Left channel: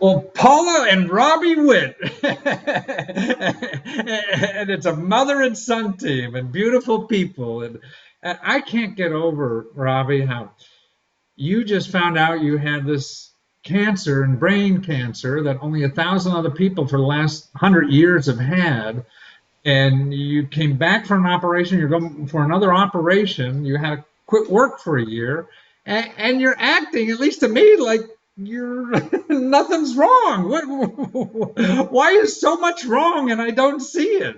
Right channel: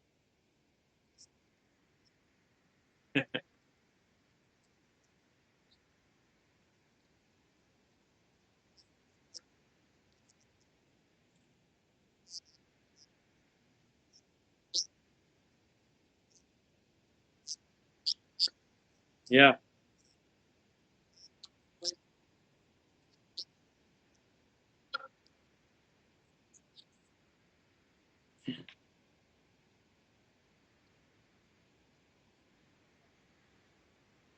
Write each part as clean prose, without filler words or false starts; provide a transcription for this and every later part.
Well, Paula and Robbie Witt. And it's a mother and son team and beautiful people. And I can't get over, Robbie, how you just found out you had this cancer and brain cancer that only 1,000 other people for the last 100 years have had. Yeah. And you came back from an operation, you're going for another operation, you had to quit work for a year, and you're acting, at least to me, like you're nothing's wrong. Why is so much wrong and I don't see it?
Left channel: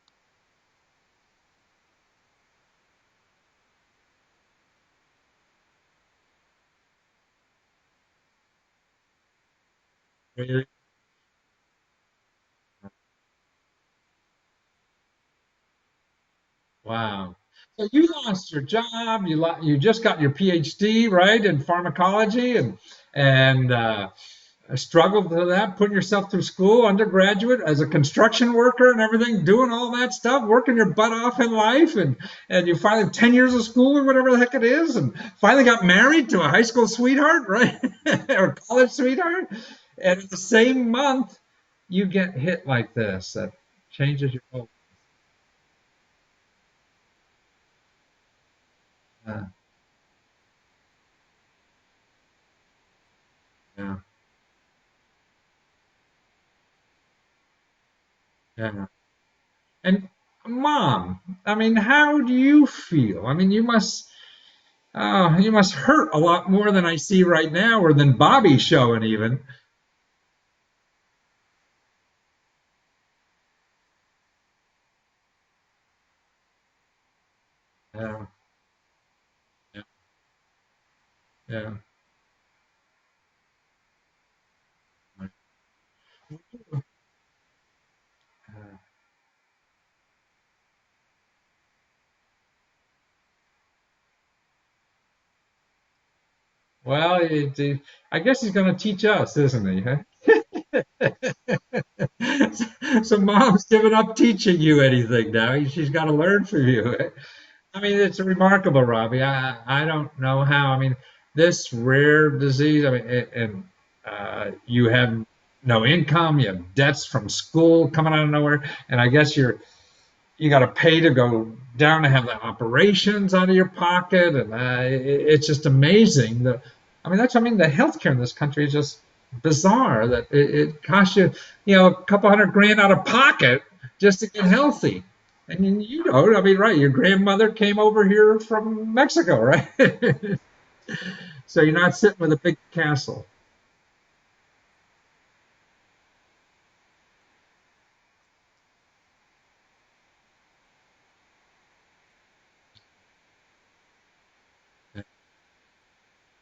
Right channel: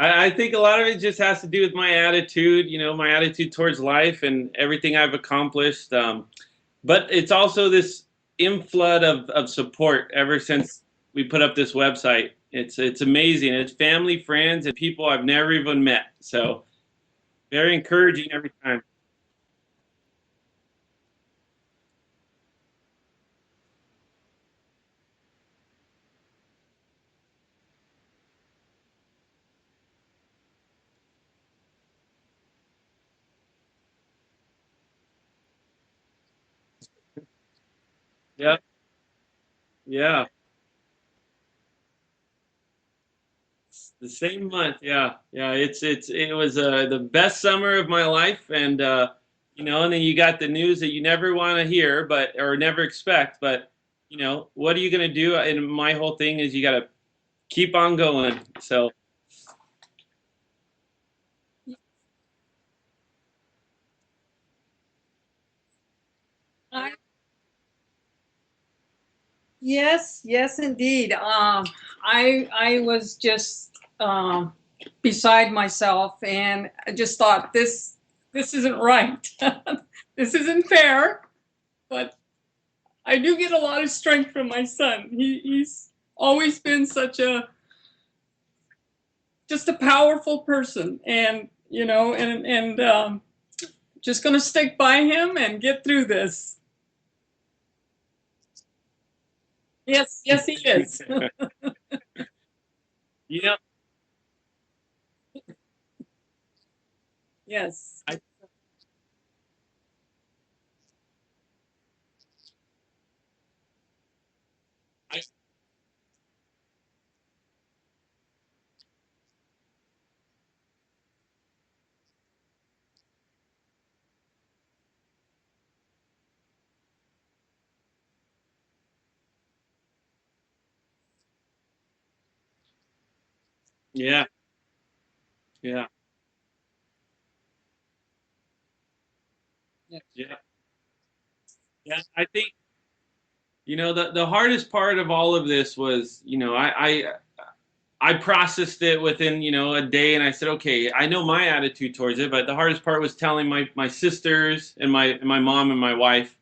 I think a lot of it just has to do with my attitude, my attitude towards life and everything I've accomplished. But it's also this inflood of support ever Really? since we put up this website. It's amazing. It's family, friends, and people I've never even met. So Wow. very So you encouraging every lost your time. job. You just got your PhD, right, in pharmacology, and struggled to that, putting yourself through school, undergraduate, as a construction worker and everything, doing all that stuff, working your butt off in life, and you finally 10 years of school or whatever the heck it is, and finally got married to a high school sweetheart, right, or Yeah, college sweetheart, and yeah. the same month you get hit like this that changes your Same life. month, yeah, yeah. It was the best summer of my life, and Uh, and then you got the news that you never want to hear, but or never expect. But yeah, what are you gonna do? And my whole thing is you got to keep on going. yeah. So And mom, I mean, how do you feel? I mean, you must hurt a lot more than I see right now, or than Bobby's showing even. Yes, yes, indeed. I was just beside myself, and I just thought Yeah, this isn't right. This isn't fair. yeah. But I do get a lot of strength from my son. He's always been such a just a powerful person, and just gonna stick by him and get through this. Well, I guess he's going to teach us, isn't he? Huh? Yes, yes, he is. So you know, mom's given up teaching you anything now. She's got to learn from you. I mean, Yes. it's remarkable, Robbie. I don't know how. I mean, this rare disease. I mean, and you have no income. You have debts from school coming out of nowhere, and I guess you got to pay to go down to have the operations out of your pocket, and it's just amazing. I mean, I mean, the healthcare in this country is just bizarre. That it costs you, a couple hundred grand out of pocket just yeah, to get healthy. And yeah, I mean, right? Your grandmother came over here from Mexico, right? yeah. So you're not Yeah, sitting I with a think big castle. the hardest part of all of this was I processed it within a day, and I said, okay, I know my attitude towards it, but the hardest part was telling my sisters and my mom and my wife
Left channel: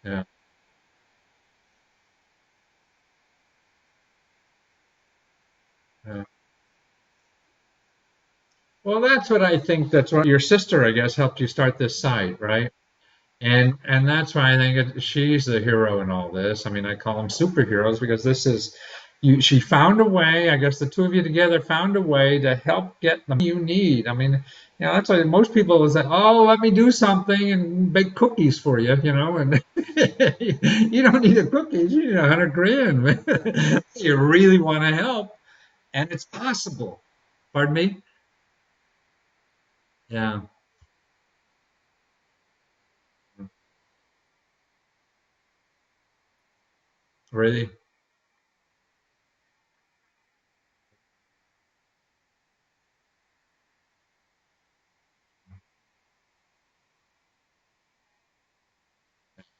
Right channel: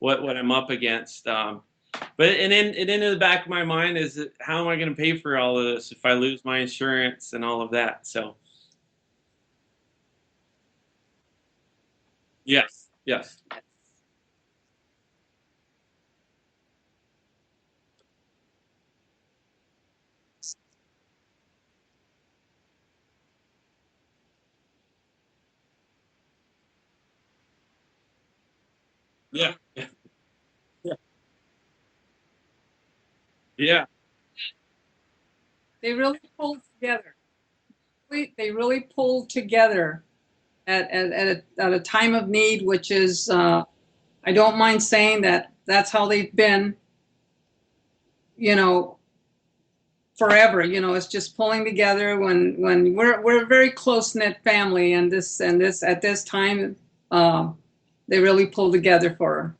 Yeah. what I'm up against. But and then in the back of my mind is how am I going to pay for all of this if I Yeah. lose my insurance and all of that? So Well, that's what I think. That's what your sister, I guess, helped you start this site, right? yes, yes, And that's why I think she's the hero in all this. I mean, I call them superheroes because this is you. She found a way. I guess the two of you together found a way to help get the money you need. I mean, that's why most people will say, "Oh, let me do something and bake cookies for you," yeah, and yeah, you don't need the cookies. You need 100 grand. yeah. You really want to help, They and really it's pulled possible. together. Pardon me? They really pulled together Yeah, at a time of need, which is, I don't mind saying that that's how they've been, really. you know, forever. It's just pulling together when we're a very close knit family, and this at this time, uh, they really pulled together for her.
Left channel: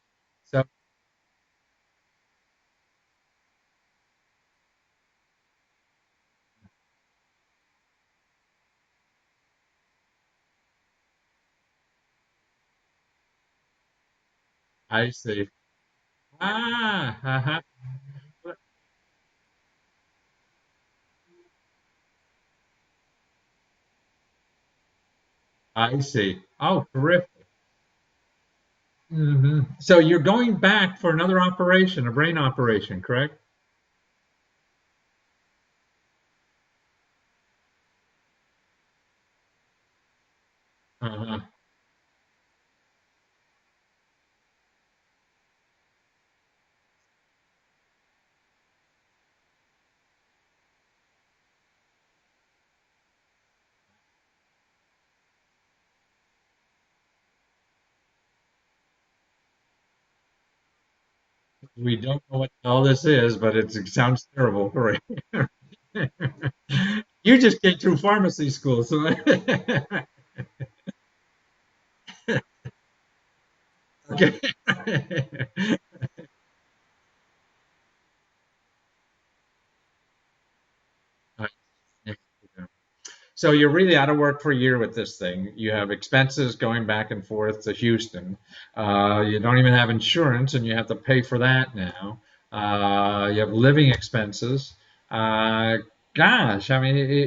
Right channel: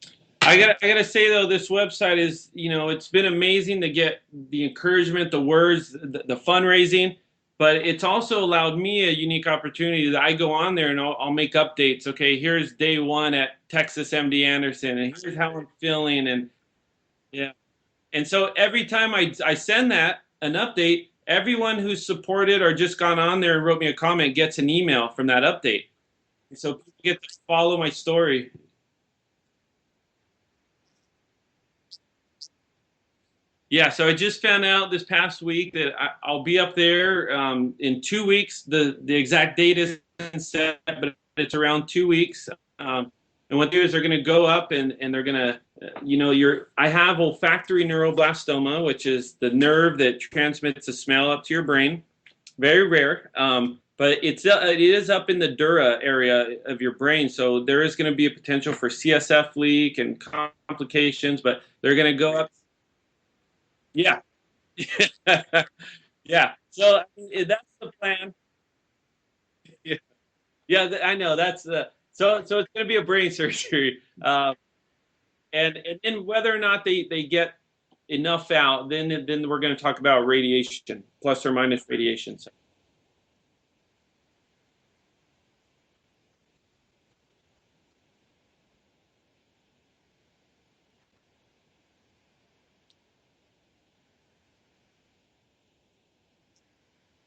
I gotta say though, this website is it's been amazing to get the encouragement, the words, the fundraising, but it's also allowed me a unique opportunity that I go on there and I'll make updates. Okay, here's day one at Texas MD Anderson, I and here's see. how I'm feeling, and Ah, yeah, uh-huh. and so every time I send that an update, everyone who's supported or just gone on there and wrote me a comment gets an email from that update. I see. And so Oh, people get terrific. to follow my story. So you're going back for another operation, a brain operation, correct? Yeah, so I just found out this past week that I'll be up there in 2 weeks. The exact date isn't set, but Uh-huh. it's around 2 weeks. And what they do is they're going to go up and they're going to I have olfactory neuroblastoma, which is the nerve that transmits the smell up to your brain. Very rare, but it is up in the dura area of your brain, so there is going to be a potential for CSF leak and complications. But they're We going to don't go know up. what all this is, but it Yeah, sounds terrible. Right. yeah. So I You mean, just that's came the through plan. pharmacy school, so Yeah, yeah, I know that's the so it's going to be a brain surgery, okay. and then whether or not they get enough out, then we're going to talk about radiation, plus or minus radiation. So. So you're really out of work for a year with this thing. You have expenses going back and forth to Houston. You don't even have insurance, and you have to pay for that now. You have living expenses. Uh, Gosh, I mean,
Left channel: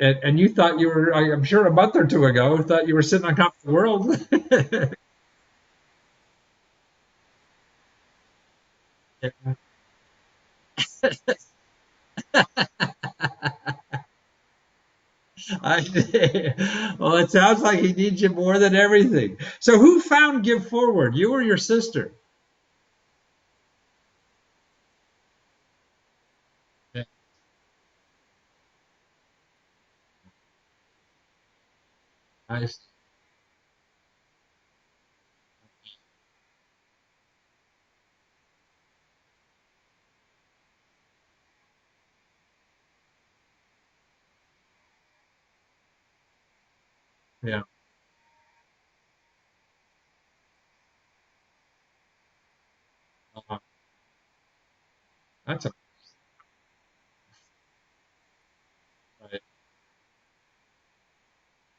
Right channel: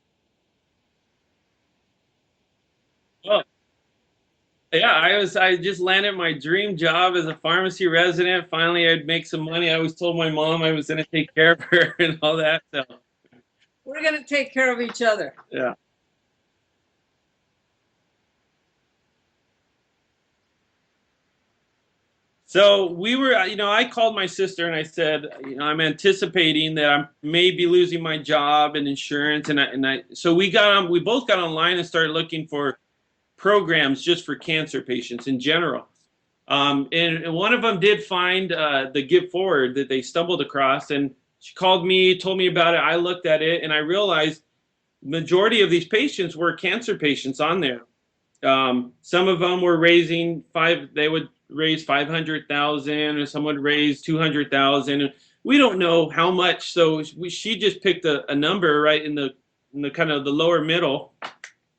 and you thought you were, I'm sure a month or two ago, thought you were sitting on Oh, top of the world. yeah, I just landed my dream job as a pharmacy resident. Finally, I'd make some money. I always told my mom I was going to take care of her and all that. So, We're going to take care of each other. yeah. Well, it sounds like he needs you more than everything. So who found Give Forward? You or your sister? So we were, I called my sister and I said, I'm anticipating that I may be losing my job and insurance, so we both got online and started looking for Nice. programs just for cancer patients in general. And one of them did find the Give Forward that they stumbled across, and she called me, told me about it. I looked at it, and I realized majority of these patients were cancer patients on Yeah. there. Some of them were raising they would raise 500,000, or some would raise 200,000. We don't know how much, so she just picked a number right in the kind of the lower middle.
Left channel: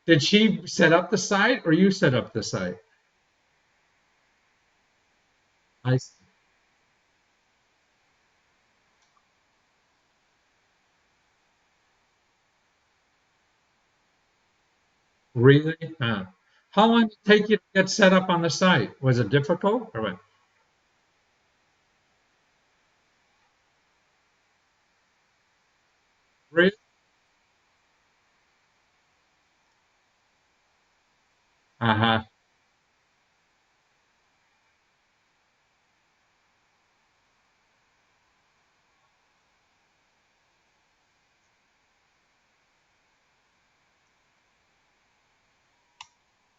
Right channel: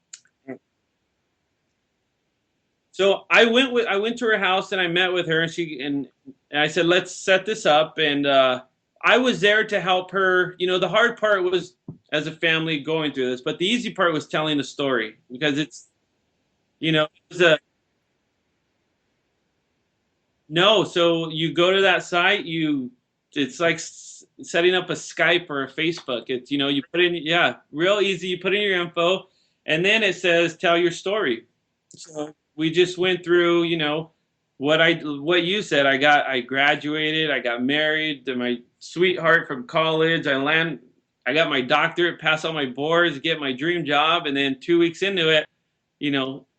Did she set up the site or you set up the site? So I went to her house and I met with her, and Nice. I said, let's set this up. And I was there to help her. The hard part was as a family going through this, but the easy part was telling the story, because Really? it's Huh. How long did it it's take you a to get set up on the site? Was it difficult or what? no. So you go to that site, it's like setting up a Skype or a Facebook. It's Really? you put in, yeah, real easy. You put in your info, and then it says tell your story. Uh-huh. So we just went through, what you said. I graduated, I got married to my sweetheart from college. I got my doctorate, passed all my boards, get my dream job, and then 2 weeks into it,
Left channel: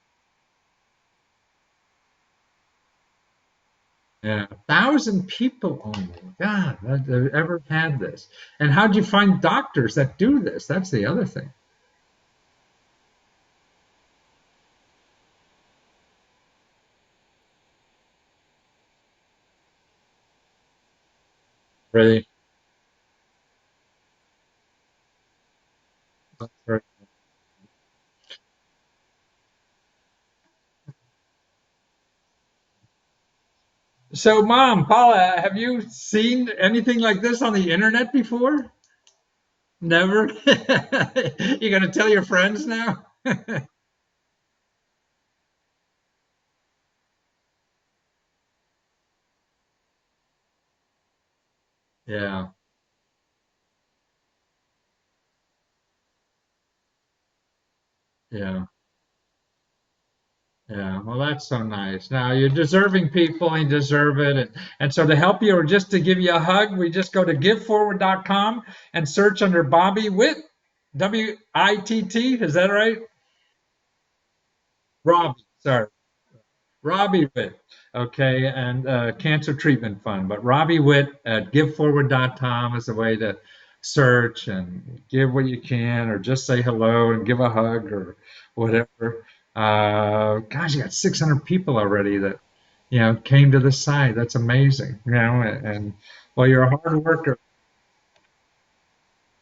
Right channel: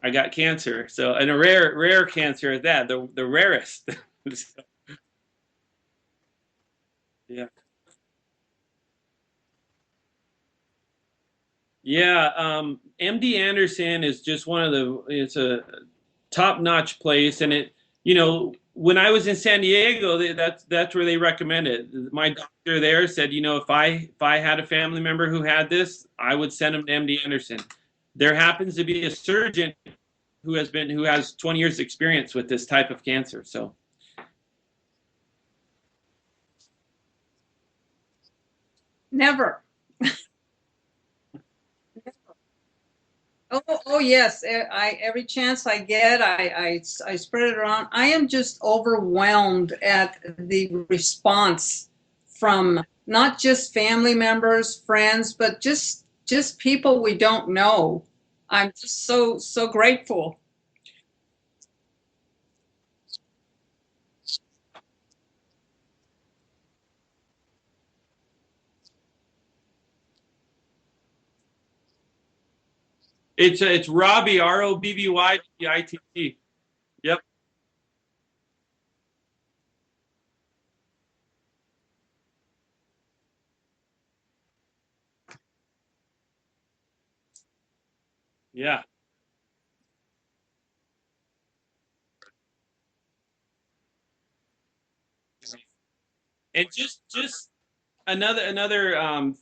I got cancer. So, and a rare cancer at that, the rarest. Yeah. 1,000 people only. God, I've ever had this. And how'd you find doctors that do this? That's the other thing. Yeah, MD Anderson is just it's a top-notch place, and when I was in San Diego, that's where they recommended. Really? My doctor there said, if I had a family member who had this, I would send them to MD Anderson. There happens to be a surgeon who has 20 years experience with this type of cancer. So So, Mom, Paula, have you seen anything like this on the internet before? Never. Never? You gonna tell your friends now? Oh yes. Every chance I get, I spread it around. I am just overwhelmed at the response Yeah, from not just family members, friends, but just people we don't know. yeah, I'm just so grateful. yeah. Well, that's so nice. Now, you're deserving people and you deserve it. And so to help you or just to give you a hug, we just go to giveforward.com and search under Bobby Witt, W-I-T-T. Is that right? it's Robbie, Rob, sorry. ROBBYTT. Yep. Robbie Witt. Okay, and Cancer Treatment Fund. But Robbie Witt at giveforward.com is a way to search and give what you can, or just say hello and give a hug or Yeah. whatever. Gosh, you got 600 people already that came to the site. That's amazing. And well, you're And a hard worker. just another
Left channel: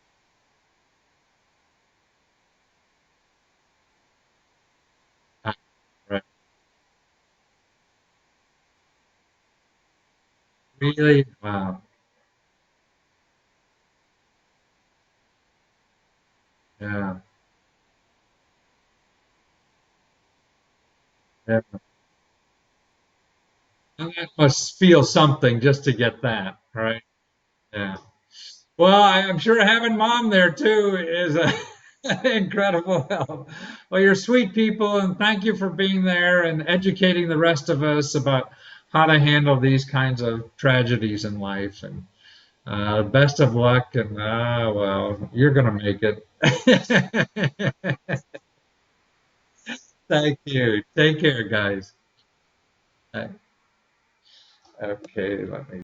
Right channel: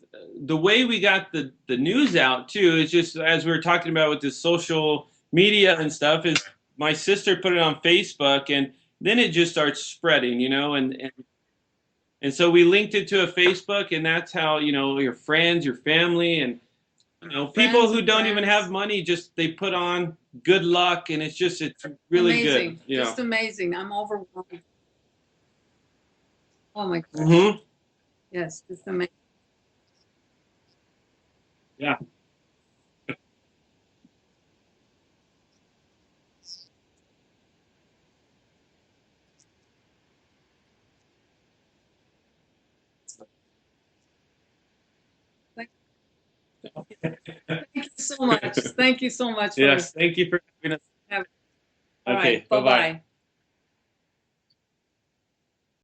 the way we got the news out too is just as we were talking about with the social media and stuff, is my sister put it on Facebook, and then it just starts spreading, Really? Wow. and so we linked it to a Facebook, and that's how your friends, your family, and Yeah. people Friends who and don't even friends. have money, just they put on good luck, and it's Yeah. really Amazing. good. Just amazing. I'm overwhelmed. Must feel something just to get that, Oh my right? gosh. Mm-hmm. Yeah. Yes. It's Well, amazing. I'm sure having Mom there too is a Yeah. incredible help. Well, you're sweet people, and thank you for being there and educating the rest of us about how to handle these kinds of tragedies in life. And best of luck. And well, you're gonna make it. Thank you so much. Thank you so much for Yes, this. thank you Thank for you. Take care, guys. All Okay, right. bye-bye. Bye-bye. Okay, let me